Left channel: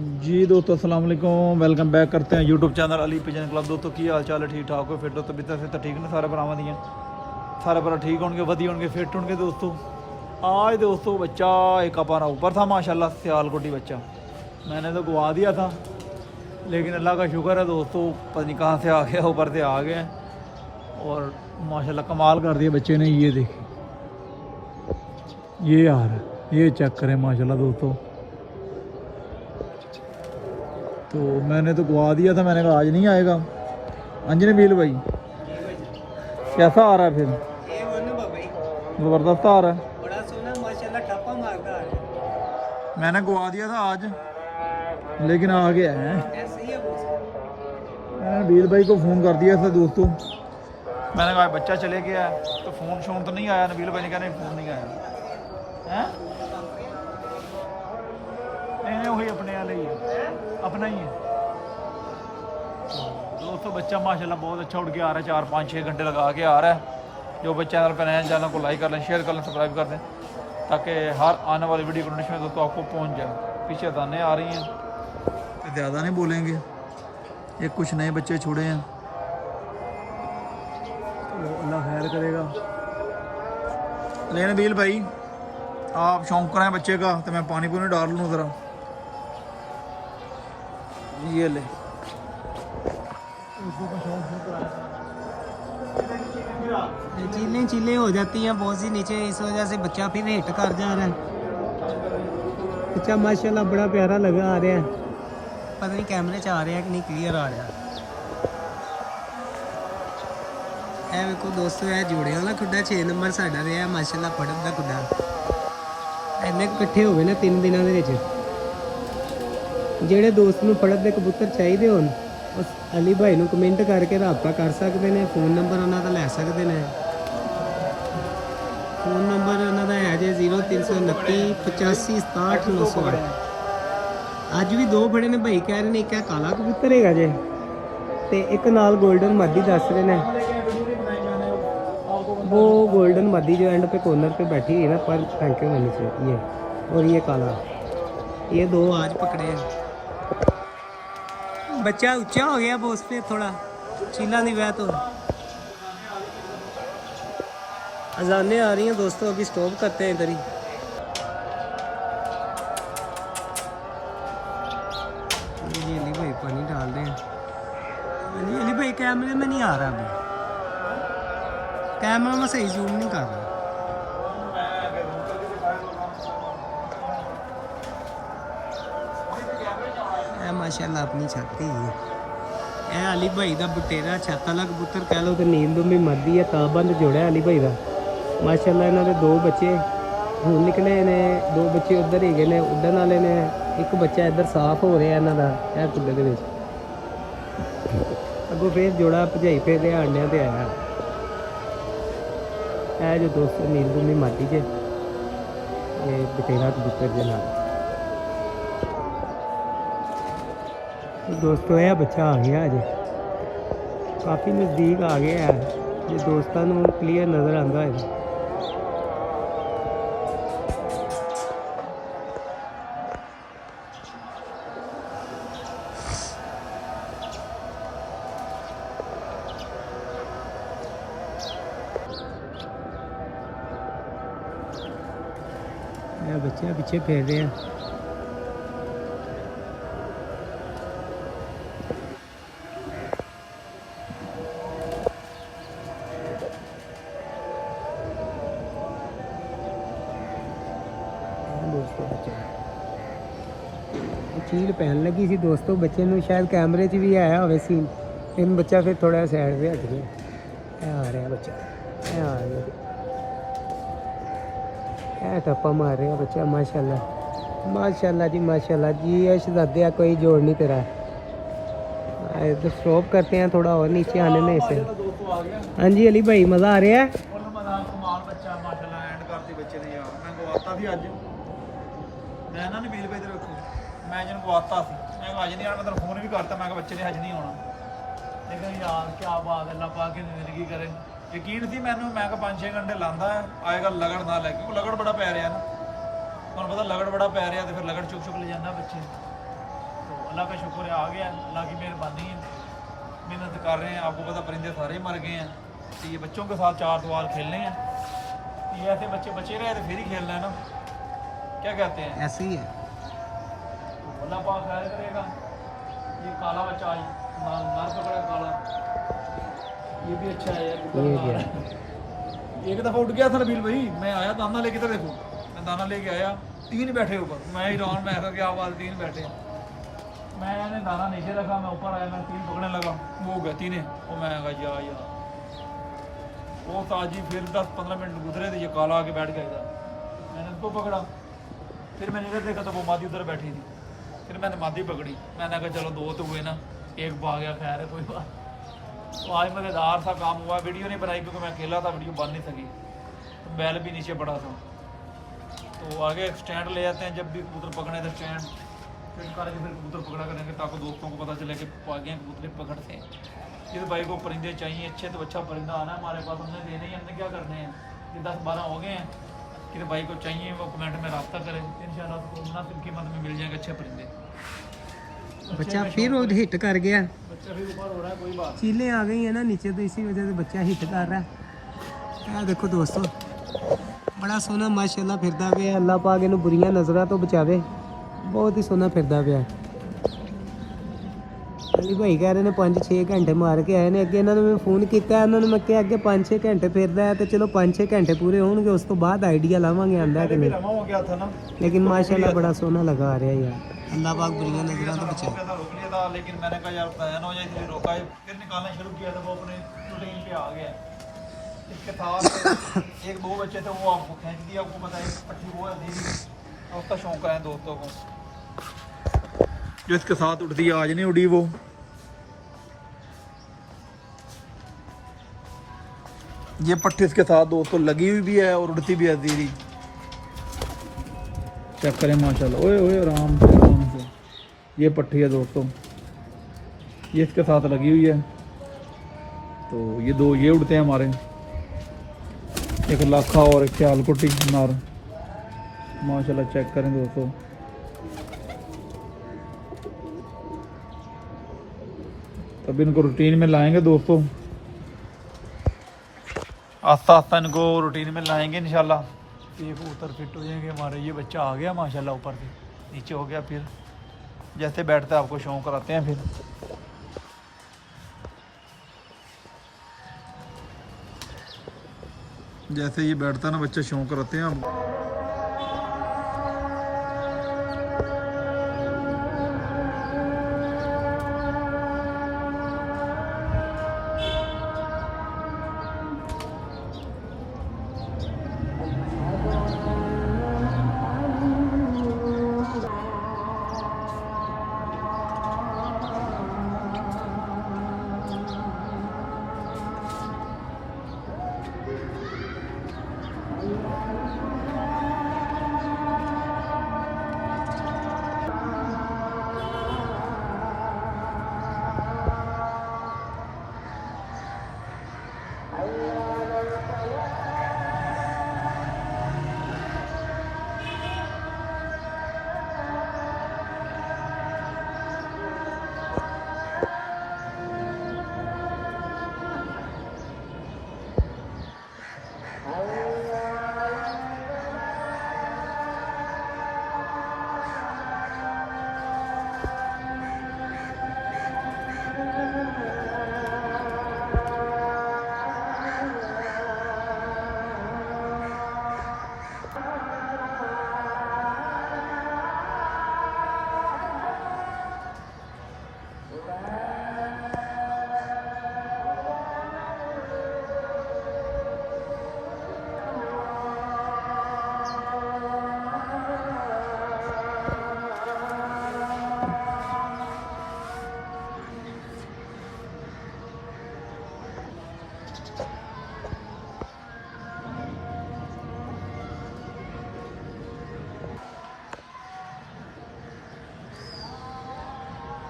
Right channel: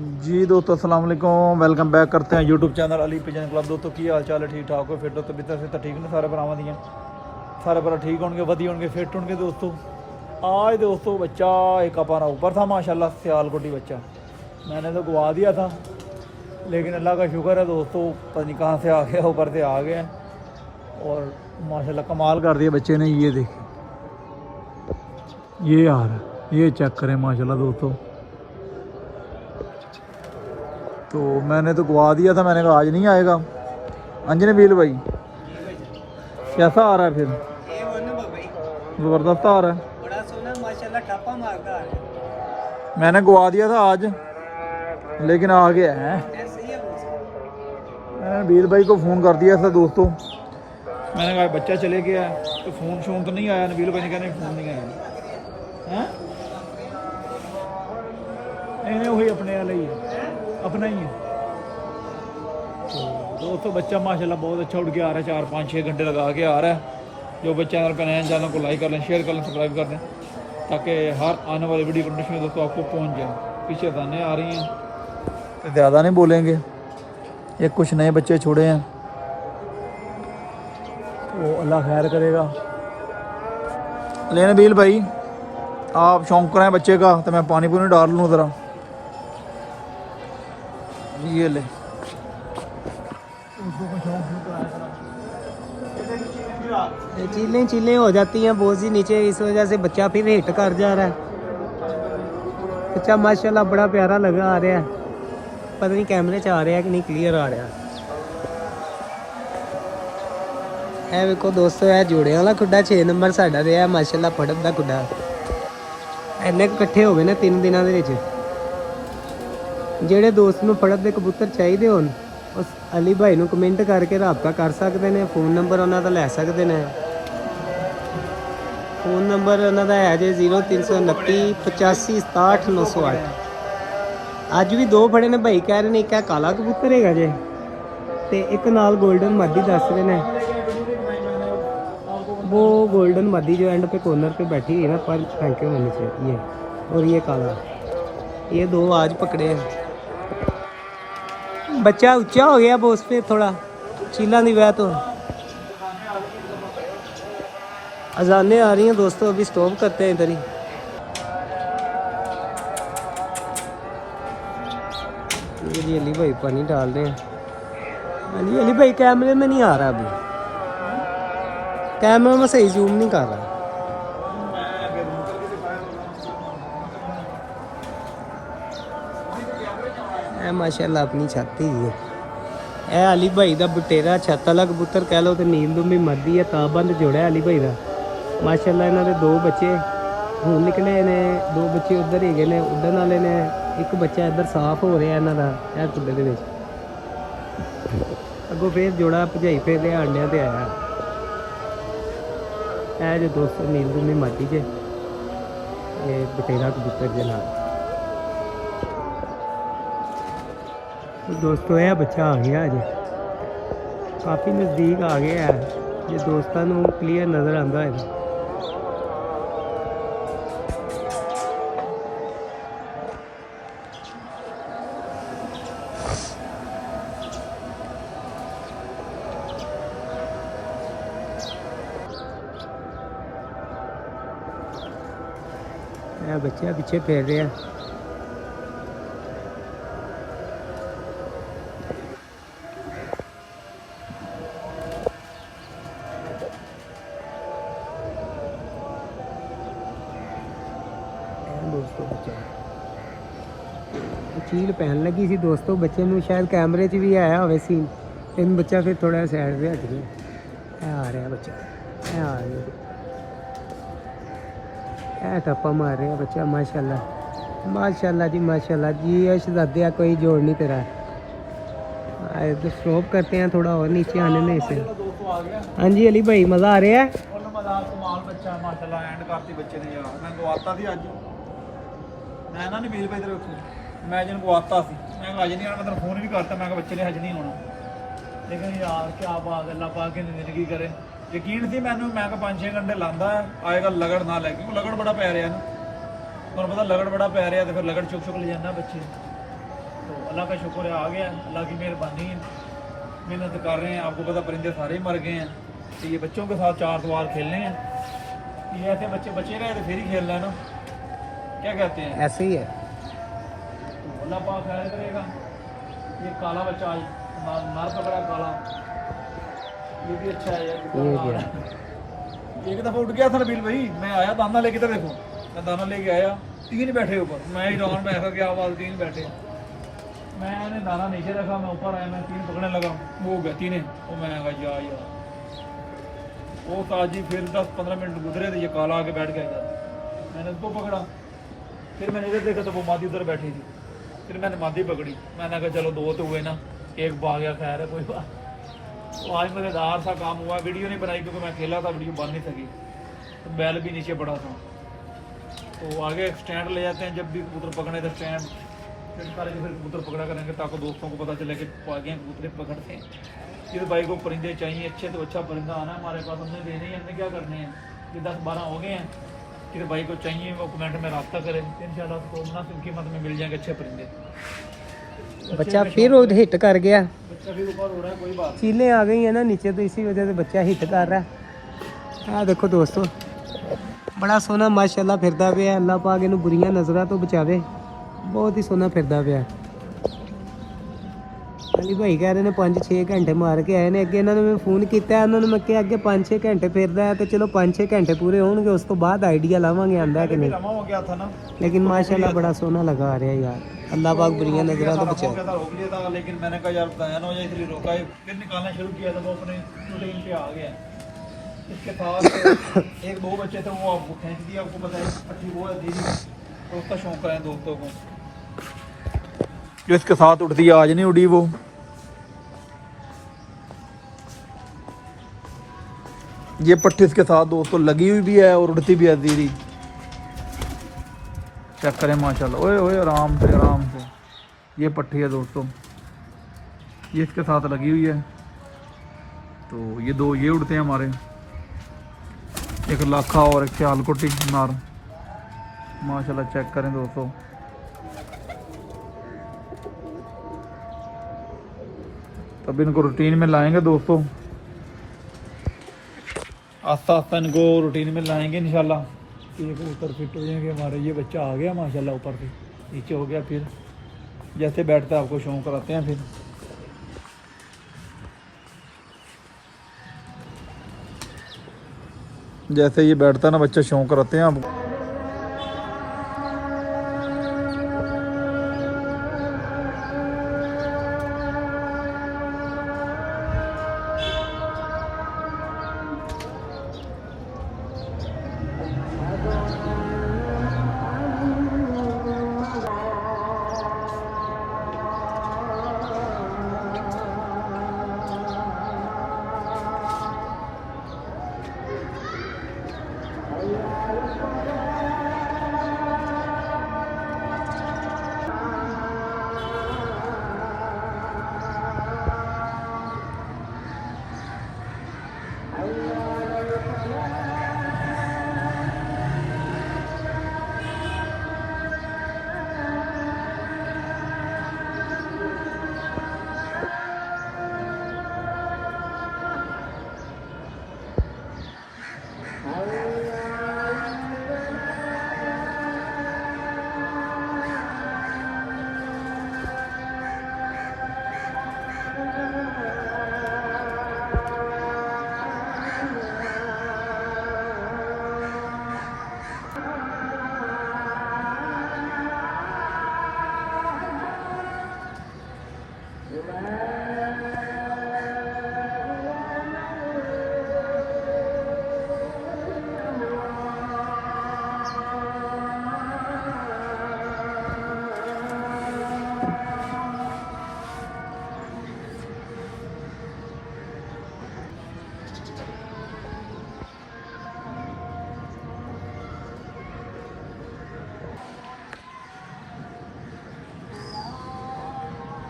जी दोस्तों अस्सलाम वालेकुम, वेलकम बैक करते हैं YouTube channel Ali pigeon club. दोस्तों की हाल चाल है? ठीक ठाक हो? फिट हो? तबीयत से तो ठीक ने सारे भरावां दियां? सारे भरा ठीक होंगे, वधिया होंगे, फिट होंगे। दोस्तों आज दोस्तों बच्चा एक अपना ऊपर था माशाल्लाह, सियालकोटी बच्चा मैंने तो गवा दिया था, लेकिन अल्लाह का शुक्र है दोस्तों, पता नहीं कहाँ से आ गया, ऊपर से आ गया और माशाल्लाह कमाल कर दिया बच्चे ने। ये देखिए, ये यार ये चेक करें माशाल्लाह दोस्तों। तो मैंने तो गवा दिया था, मैंने कहा आज नहीं आएगा। अंजने बील भाई कैसा आ रहा है? फिर ज़बरदस्त आ रहा है, बड़ा सोना माशाल्लाह, ठप्पा मारता है। मैंने गवा दिया था आज, लेकिन आ गया है। ऐसे ही है वो। मैंने बील भाई को फ़ोन कर दिया था दोस्तों, मैंने कहा बच्चा चले गया है, तो फ़ोन शोन तो नहीं आया। नबील भाई ने कहना फ़ोन नहीं आया हैं। नहीं वही अपने वाला ही है, अपना ही है। तो दोस्तों बच्चा माशाल्लाह बहुत अच्छा उड़ के आ रहा है, 4-5-6 घंटे लगा के आ रहा है। जो बच्चे चैनल पर नए हैं, चैनल को लाइक कर लें, शेयर कर लें, सब्सक्राइब कर दें, ताकि हर आने वाली वीडियो कंडीशन दोस्तों आपको पहुंच जाए। पीछे अजानें आ रही हैं तो ज़्यादा नहीं बोलेंगे, ये कुछ नए बच्चे छोड़े हैं तो अल्लाह खैर करेगा। लेने बील भाई आप शौक कराएं बच्चे का, तो मैं पानी पूनी डाल लूँ ज़रा। ये ले चीलें हो जाती हैं बहुत सी नीचे, इस वजह से बच्चा फिर हिट कर जा रहा है। बच्चा माशाल्लाह बड़ा प्यारा लगा आ रहा है, पता नहीं कैमरे च आ रहा है कि नहीं, क्लियर आ रहा है। वेखो दोस्तों, है जोड़े वाला खुड्डा 6 नंबर साडा रहा माशाल्लाह, फड़न दा खुड्डा। इन्ने इकट्ठे हो गए ने 3 दिनों ਦੇ ਵਿੱਚ। ਜਿਹੜੇ ਦੋਸਤ ਨੂੰ ਫੜਨ ਦੇ ਕਬੂਤਰ ਚਾਹੀਦੇ ਹੋਣ, ਉਸ ਅਲੀ ਭਾਈ ਨੂੰ ਕਮੈਂਟ ਕਰਕੇ ਰਾਬਤਾ ਕਰ ਸਕਦੇ ਨੇ। ਫੋਨ ਨੰਬਰ ਉਹਨਾਂ ਦਾ ਲੈ ਸਕਦੇ ਨੇ। ਫੋਨ ਨੰਬਰ ਉਹਨਾਂ ਦਾ ਹੈ ਜੇ 0329 85 67 908। ਅੱਜ ਵੀ 2 ਫੜੇ ਨੇ ਭਾਈ, ਕਹਿ ਰਹੇ ਨੇ ਇੱਕ ਕਾਲਾ ਕਬੂਤਰ ਹੈਗਾ ਜੇ, ਤੇ ਇੱਕ ਨਾਲ 골ਡਨ ਮਾਦੀ ਦੱਸ ਰਹੇ ਨੇ। वो गोल्डन मादी जो एंड पे कॉर्नर पे बैठी हुई है ना, पर फेंके हुए नीचे, ये और ये काला, ये 2 आज पकड़े हैं। बच्चा ऊंचा हो गया बोस पे थोड़ा, चीला नहीं हुआ तो। अजानें आ रही हैं दोस्तों, अभी स्टॉप करते हैं इधर ही। ये जी अली भाई पानी डाल रहे हैं। अली भाई कैमरे में नहीं आ रहा, अभी कैमरा में सही जूम नहीं कर रहा। माशाल्लाह अपनी छत ही है। ए अली भाई का बटेरा छत वाला कबूतर कह लो तो नील दुम्बी मरदी है, ताबंद जोड़ा अली भाई का। माशाल्लाह इन्हों के 2 बच्चे हूँ निकले ने, 2 बच्चे उधर ही गए ने उड़न वाले ने। एक बच्चा इधर साफ हो रहा है इन्हों का, कुड्डे के अगों फिर जोड़ा भजाई फिर अंडिया से आया है जो दोस्तों नील दुम्बी माटी च ये बटेरा कबूतर के नाम। दोस्तों यह बच्चा आ गया अजे, काफ़ी नज़दीक आ गया है, जो दोस्तों को क्लीयर नज़र आता है। बच्चा पीछे फिर रहा है। दोस्तों बच्चे चील पहन लगी सी दोस्तों, बच्चे ਨੂੰ शायद कैमरे च भी आया होवे सीन, लेकिन बच्चा फिर थोड़ा साइड पे हट गया। आ रहा बच्चा, आ रहा टप्पा मार रहा बच्चा। माशाल्लाह माशाल्लाह जी, माशाल्लाह जी। शहजादिया कोई जोड़ नहीं तेरा। तो स्टॉप करते हैं थोड़ा और नीचे आने में इसे। हाँ जी अली भाई मज़ा आ रहा है? कमाल बच्चा माशाल्लाह, एंड करती बच्चे ने यार। मैं गवाता थी अज, मैं ना नबील भाई तेरे मैं जिन गवाता सी, मैं अज नहीं आना, मैं तेरे फोन भी करता, मैं बच्चे ने अज नहीं आना। लेकिन यार क्या बात, अल्लाह पाक की जिंदगी करे। यकीन थी मैनू, मैं 5-6 घंटे लाता है आएगा, लगड़ ना लैके, लगड़ बड़ा पै रहा ना, तुहानू पता लगड़ बड़ा पै रहा, तो फिर लगड़ चुक ले जाना बच्चे। तो अल्लाह का शुक्र है आ गया, अल्लाह की मेहरबानी है, मेहनत कर रहे हैं। आपको पता परिंदे सारे ही मर गए हैं, तो ये बच्चों के साथ 4 सवाल खेलने हैं। ये ऐसे बच्चे बचे रहे तो फिर ही खेलना है ना, क्या कहते हैं, ऐसे ही है। तो अल्लाह पाक खैर करेगा। ये काला बच्चा आज नार पकड़ा काला, ये भी अच्छा है यार, ये क्या एक दफ़ा उठ गया था नबील भाई, मैं आया दाना लेके, तो देखो मैं दाना लेके आया, 3 बैठे ऊपर, मैं ईरान में ऐसा क्या आवाज़ 3 बैठे, मैंने दाना नीचे रखा, मैं ऊपर आया, मैं 3 पकड़ने लगा, वो हो गया 3, वो मैं कहा यार वो ताजी। फिर 10-15 मिनट गुजरे तो ये काला आके बैठ गया इधर, मैंने उसको पकड़ा, फिर मैंने इधर देखा तो वो मादी उधर बैठी थी, फिर मैंने मादी पकड़ी, मैंने कहा चलो 2 तो हुए ना, एक भाग गया, खैर है कोई बात। तो आज मज़ेदार सा काम हुआ, वीडियो नहीं बनाई क्योंकि मैं अकेला था, वीडियो बन नहीं सकी, तो बैल भी नीचे पड़ा था। तो आगे एक स्टैंड ले जाते हैं, जब भी कबूतर पकड़े तो स्टैंड फिट करके फिर कबूतर पकड़ा करेंगे, ताकि दोस्तों को पता चले कि आगे कबूतर पकड़ते हैं। इस भाई को परिंदे चाहिए अच्छे, तो अच्छा परिंदा आना हमारे पास, हमने देने ही, हमने क्या करने हैं, ये 10-12 हो गए हैं। किसी भाई को चाहिए वो कमेंट में रब्ता करें, इंशाल्लाह उसको मुनासिब कीमत में मिल जाएंगे अच्छे परिंदे। बच्चा फिर वो हिट कर गया, बच्चा फिर ऊपर हो रहा है, कोई बात चीलें आ गई है ना नीचे, तो इसी वजह से बच्चा हिट कर रहा है। आ देखो दोस्तों, बड़ा सोहना माशाल्लाह फिरदा पिया, अल्लाह पाक इन्हू बुरियां नज़रां तो बचावे, बहुत ही सोहना फिरदा पिया। अली भाई कह रहे ने 5-6 घंटे मार के आए ने, अगे इन्होंने मैं फोन किया, उन्होंने मैं क्या अगे 5-6 घंटे फिरदा है, तो चलो 5-6 घंटे पूरे होंगे, उस तो बाद आइडिया लावांगे आंदा कि नहीं, हो गया था ना, लेकिन माशाल्लाह बड़ा सोहना लगा रहा है यार, अल्लाह पाक बुरियां नज़रां तो बचाए। रोक लिया था, लेकिन मैंने कहा यार बयान हो जाए इसलिए रोका है, फिर निकालना शुरू किया था, वो अपने रूटीन पे आ गया। इसके साथ 1-2 बच्चे थे, वो आपको फेंक दिया, आपको पता है पट्टी वो दे दी, तो उसका शौक है दोस्तों को, जो इसके साथ उड़ती है, आज नहीं उड़ी वो। ये पट्टी इसके साथ दोस्तों लगी हुई भी है और उड़ती भी है दीदी, चेक करें माशाल्लाह, ओए ओए आराम से आराम से। ये पट्टी है दोस्तों, ये इसके साथ लगी हुई है, तो ये 2 ये उड़ते हैं हमारे, एक लाखा और एक सियालकोटी नार, माशाल्लाह चेक करें दोस्तों। तब इनको रूटीन में लाएंगे दोस्तों, आस्ता आस्ता इनको रूटीन में लाएंगे इंशाल्लाह, ये कबूतर फिट हो जाएंगे हमारे। ये बच्चा आ गया माशाल्लाह, ऊपर से नीचे हो गया, फिर जैसे बैठता है आपको शौक कराते हैं, फिर जैसे ये बैठता है ना बच्चा, शौक कराते हैं आपको।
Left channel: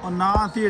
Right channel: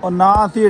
और ना सी